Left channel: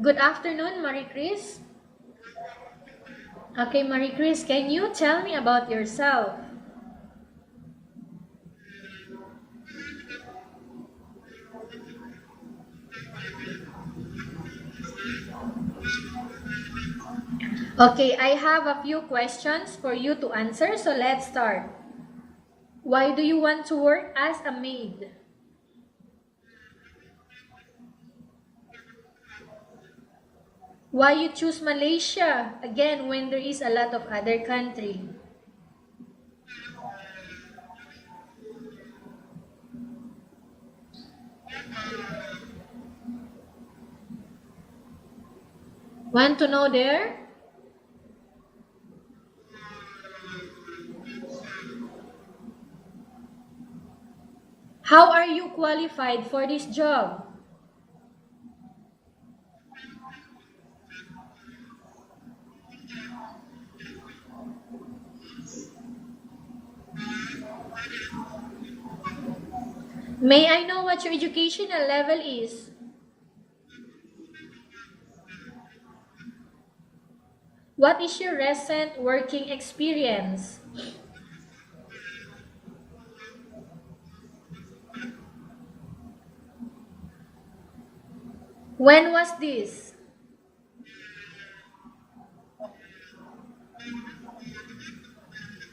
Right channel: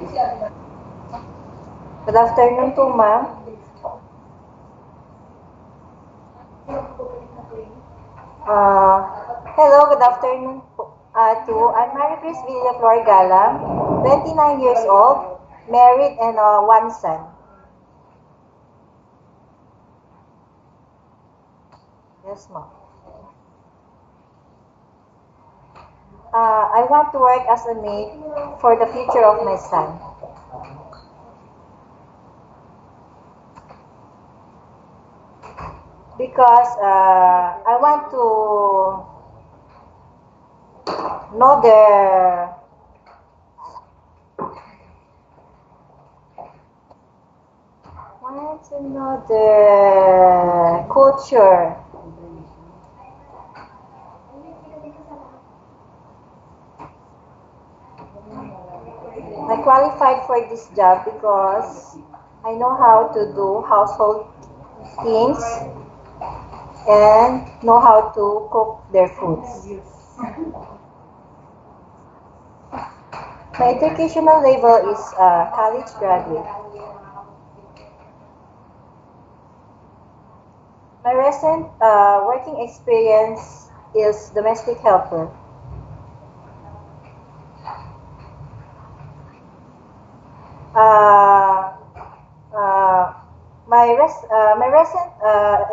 Good afternoon, Maricris. Good afternoon to ma'am. Okay, Maricris, can you tell me about yourself? Uh, Hello, good afternoon to I'm maricris galang, 29 years old, married and one son. Okay, I have a few questions for you to answer, so let's start. Yes, ma'am. Why do you want to work as a maid? I want to work as a maid for the future of my son Why you choose Malaysia, again, when there is a lot of other country? because I want to know Want to know there? the culture. How are you qualified for this job? I qualified for this job because I know how to do household things and know how to cook their foods. May I know what your educational level is? My educational level is college graduate. What is your recent working experience? My recent working experience is domestic helper. When was this? Uh, uh, my recent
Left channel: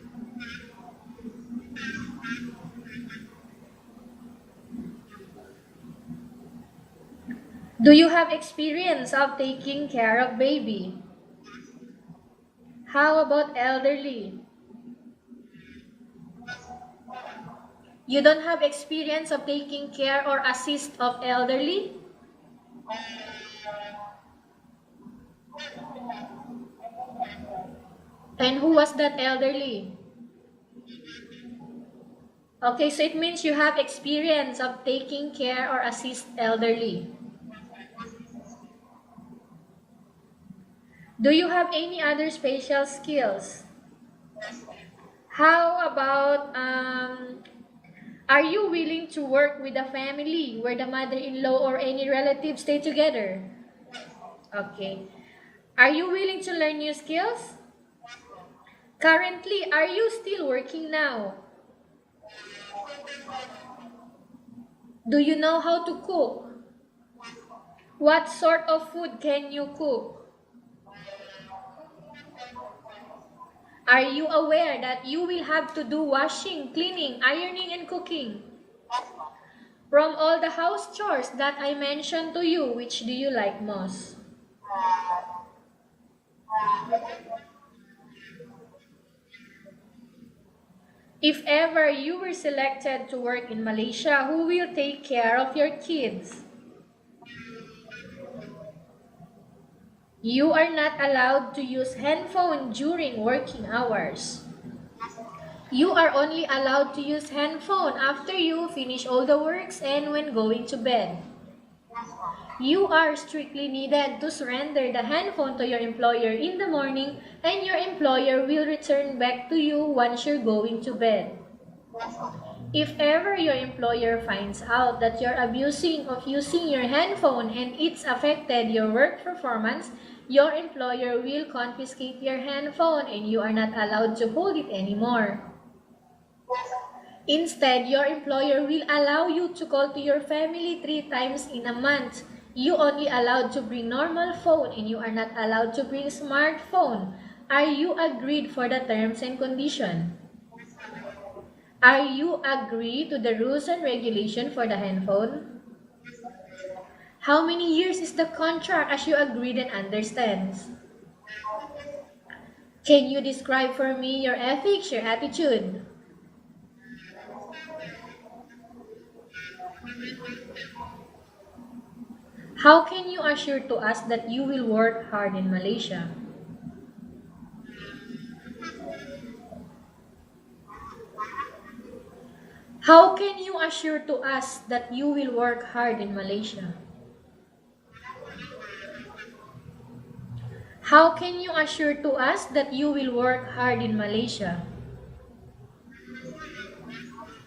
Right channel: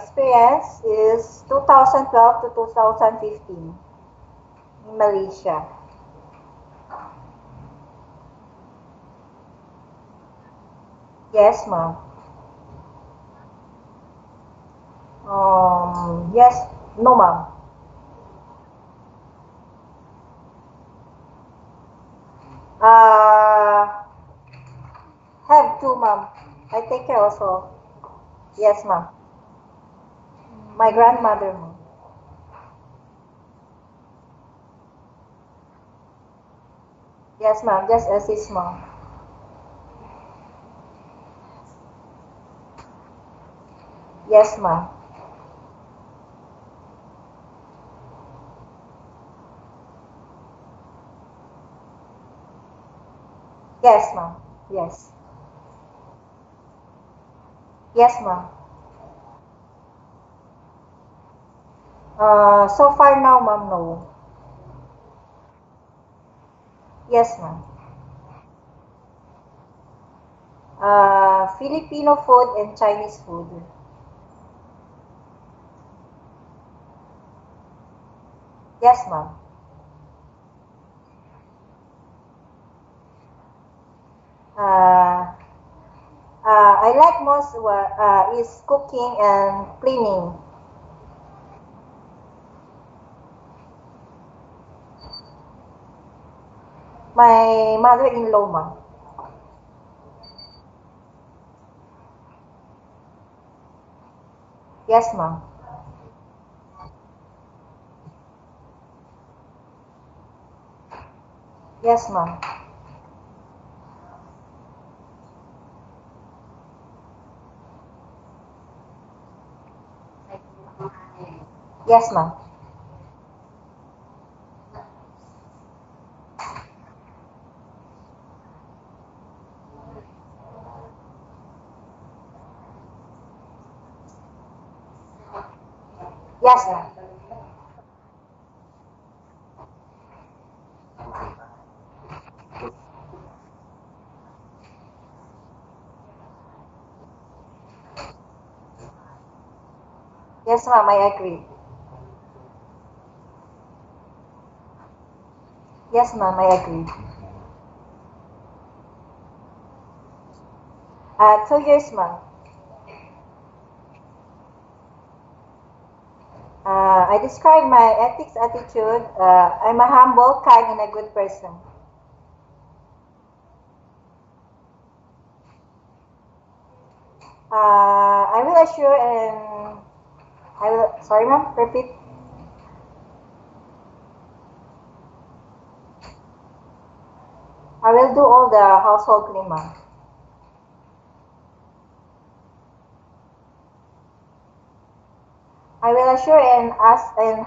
experience is 2012 to 2015 in Malaysia. Do you have experience of taking care of baby? Yes, ma'am. How about elderly? Yes, no, ma'am. You don't have experience of taking care or assist of elderly? Uh, have to, ma'am. I take care also. And who Yes, was ma'am. that elderly? My grandmother, ma'am. Okay, so it means you have experience of taking care or assist elderly. Yes, ma'am. Just assist, ma'am. Do you have any other special skills? Yes, ma'am. How about, are you willing to work with a family where the mother-in-law or any relative stay together? Yes, ma'am. Okay. Yes. Are you willing to learn new skills? Yes, ma'am. Currently, are you still working now? So far now, ma'am, no. Do you know how to cook? Yes, ma'am. What sort of food can you cook? Filipino food and Chinese food. Are you aware that you will have to do washing, cleaning, ironing, and cooking? Yes, ma'am. From all the house chores that I mentioned to you, which do you like most? Uh, I like most is cooking and cleaning. If ever you were selected to work in Malaysia, who will take care of your kids? My mother-in-law, ma'am. You are not allowed to use handphone during working hours. Yes, ma'am. You are only allowed to use handphone after you finish all the works and when going to bed. Yes, ma'am. You are strictly needed to surrender the handphone to your employer in the morning, and your employer will return back to you once you're going to bed. Yes, ma'am. If ever your employer finds out that you're abusing of using your handphone and it's affected your work performance, your employer will confiscate your handphone and you are not allowed to hold it anymore. Yes, ma'am. Instead, your employer will allow you to call to your family 3 times in a month. You only allowed to bring normal phone and you are not allowed to bring smartphone. Are you agreed for the terms and condition? Yes, ma'am. I agree. Are you agree to the rules and regulation for the handphone? Yes, ma'am. I agree. How many years is the contract as you agreed and understands? 2 years, ma'am. Can you describe for me your ethics, your attitude? I describe my ethics attitude. I'm a humble, kind, and a good person. How can you assure to us that you will work hard in Malaysia? I will assure and I will. Sorry, ma'am. Repeat. How can you assure to us that you will work hard in Malaysia? I will do all the household cleaning, ma'am. How can you assure to us that you will work hard in Malaysia? I will assure and ask and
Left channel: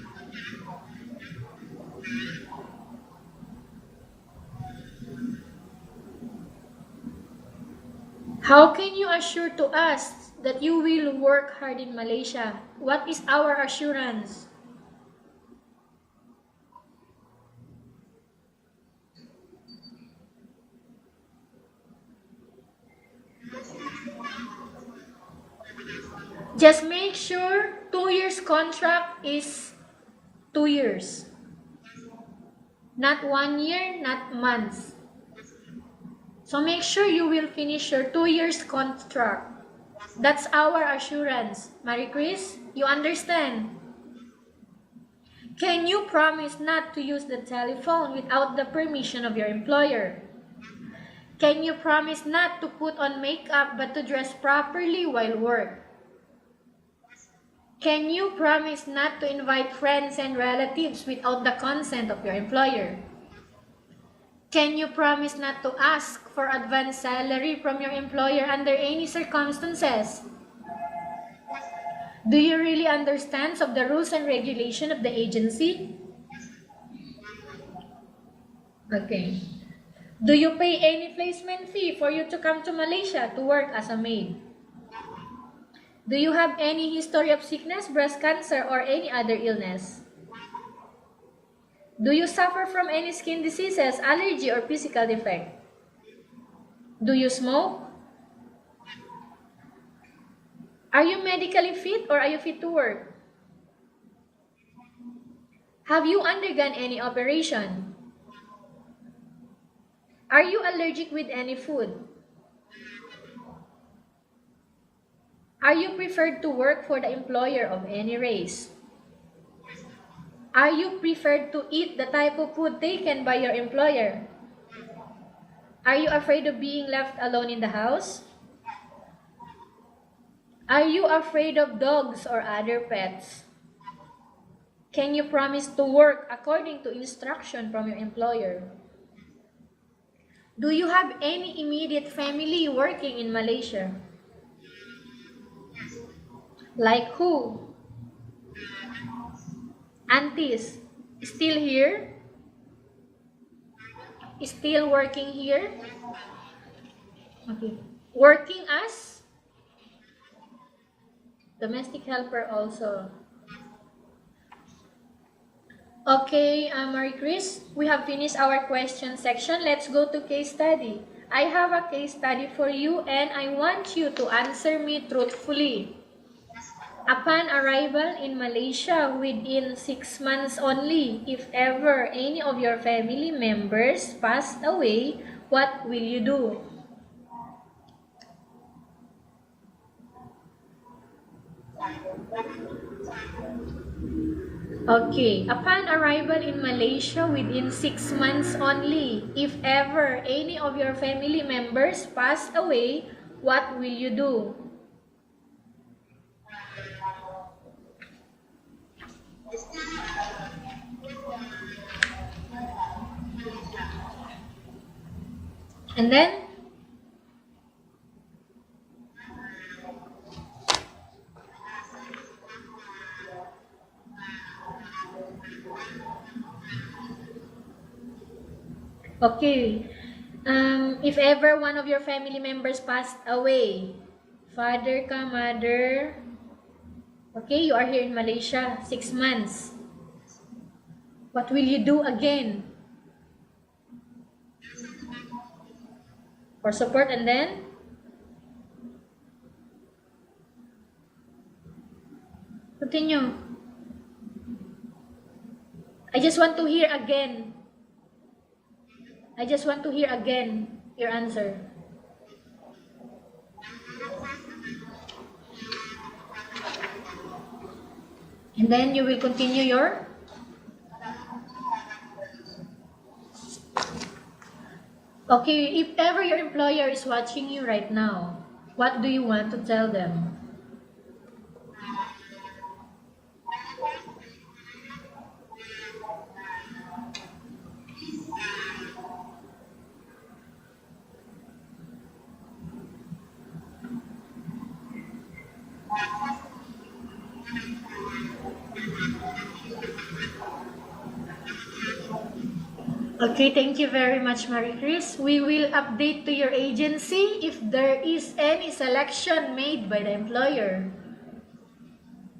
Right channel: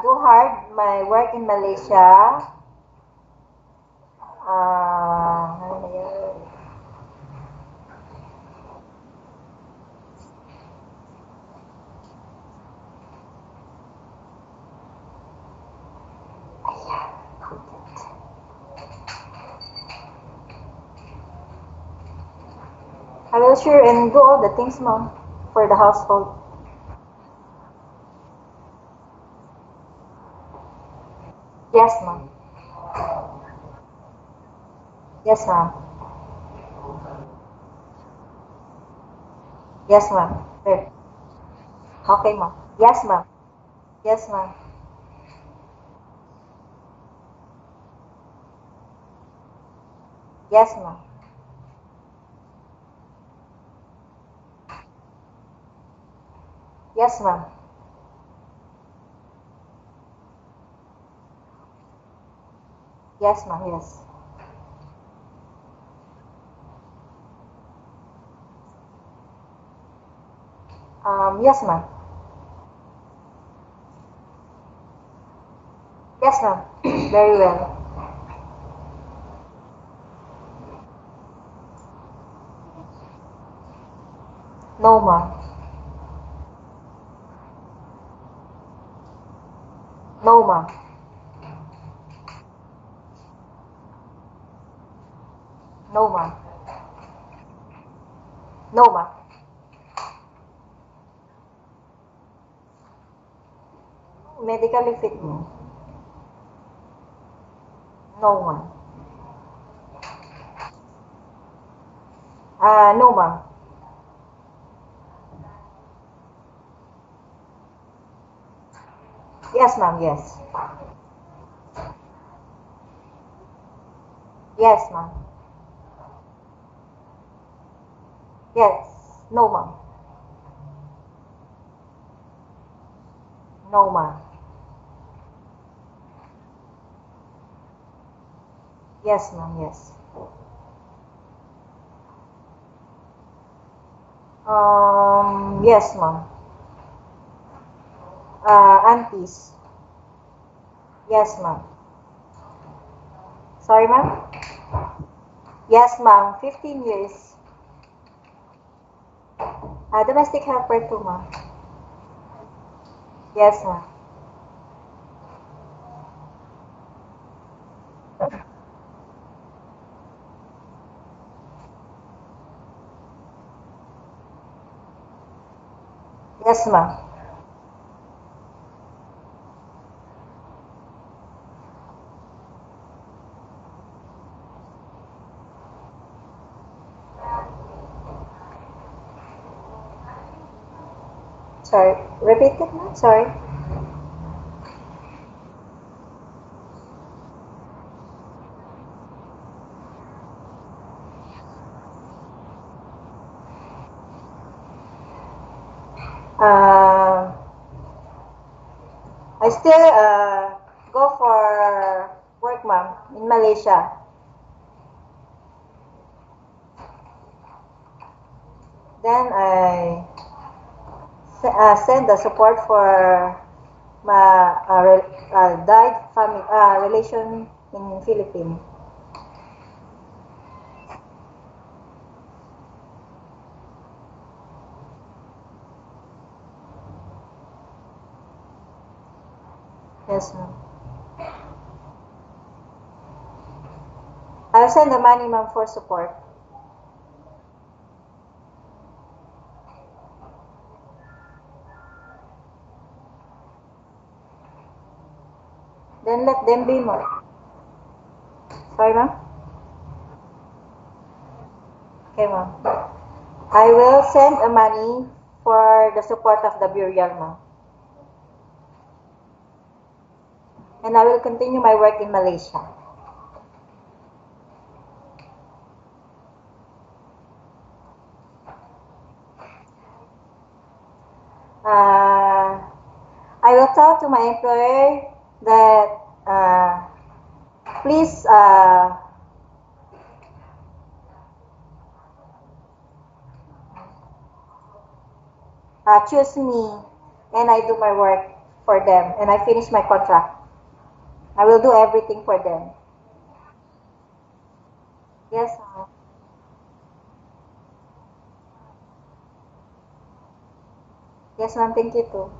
do hard my work in Malaysia. How can you assure to us that you will work hard in Malaysia? What is our assurance? I will sure and do all the things, ma'am, for the household. Just make sure 2 years contract is 2 years. Yes, ma'am. Not 1 year, not months. Yes, ma'am. So make sure you will finish your 2 years contract. Yes, ma'am. That's our Yes. assurance. Marie Okay, Chris, ma'am. you Yes, ma'am. understand? Yes, ma'am. Can you promise not to use the telephone without the permission of your employer? Yes, ma'am. Can you promise not to put on makeup but to dress properly while work? Yes, ma'am. Can you promise not to invite friends and relatives without the consent of your employer? Yes, ma'am. Yes. Can you promise not to ask for advance salary from your employer under any circumstances? Yes, ma'am. Do you really understand of the rules and regulation of the agency? Yes, ma'am. Very well. Okay. Do you pay any placement fee for you to come to Malaysia to work as a maid? No, ma'am. Do you have any history of sickness, breast cancer, or any other illness? No, ma'am. Do you suffer from any skin diseases, allergy, or physical defect? No, ma'am. Do you smoke? No, ma'am. Are you medically fit or are you fit to work? Medically fit, ma'am. Have you undergone any operation? No, ma'am. Are you allergic with any food? No, ma'am. Are you preferred to work for the employer of any race? Yes, ma'am. Yes. Are you preferred to eat the type of food taken by your employer? Yes, ma'am. Are you afraid of being left alone in the house? Yes. No, ma'am. Are you afraid of dogs or other pets? No, ma'am. Can you promise to work according to instruction from your employer? Yes, ma'am. Yes. Do you have any immediate family working in Malaysia? Yes, ma'am. Like who? Aunties. Aunties? Yes, Still ma'am. here? Sorry, ma'am? Still working here? Yes, ma'am. 15 years. Okay. Working as? Domestic helper too, ma'am. Domestic helper also. Yes, ma'am. Okay, Marie Chris, we have finished our question section. Let's go to case study. I have a case study for you and I want you to answer me truthfully. Yes, ma'am. Upon arrival in Malaysia within 6 months only, if ever any of your family members passed away, what will you do? Sorry. Repeat it, ma'am. Sorry. Okay, upon arrival in Malaysia within 6 months only, if ever any of your family members passed away, what will you do? I still go for work, ma'am, in Malaysia. And then? Then I send the support for my died family relation in Philippines. Okay. If ever one of your family members passed away, father ka, mother, okay, you are here in Malaysia, 6 months. Yes, ma'am. What will you do again? I'll send the money, ma'am, for support. For support, and then? Continue. Then I just let want them to be, hear ma'am. again. Sorry, ma'am? I just want to hear again your answer. Okay, ma'am. I will send the money for the support of the burial, ma'am. And then you will continue your? And I will continue my work in Malaysia. Okay, if ever your employer is watching you right now, what do you want to tell them? I will tell to my employer that please choose me and I do my work for them and I finish my contract. I will do everything for them. Okay, thank you very much, Maricris. We Yes, will update to your agency if there is any selection made by the employer. yes, ma'am. Thank you too.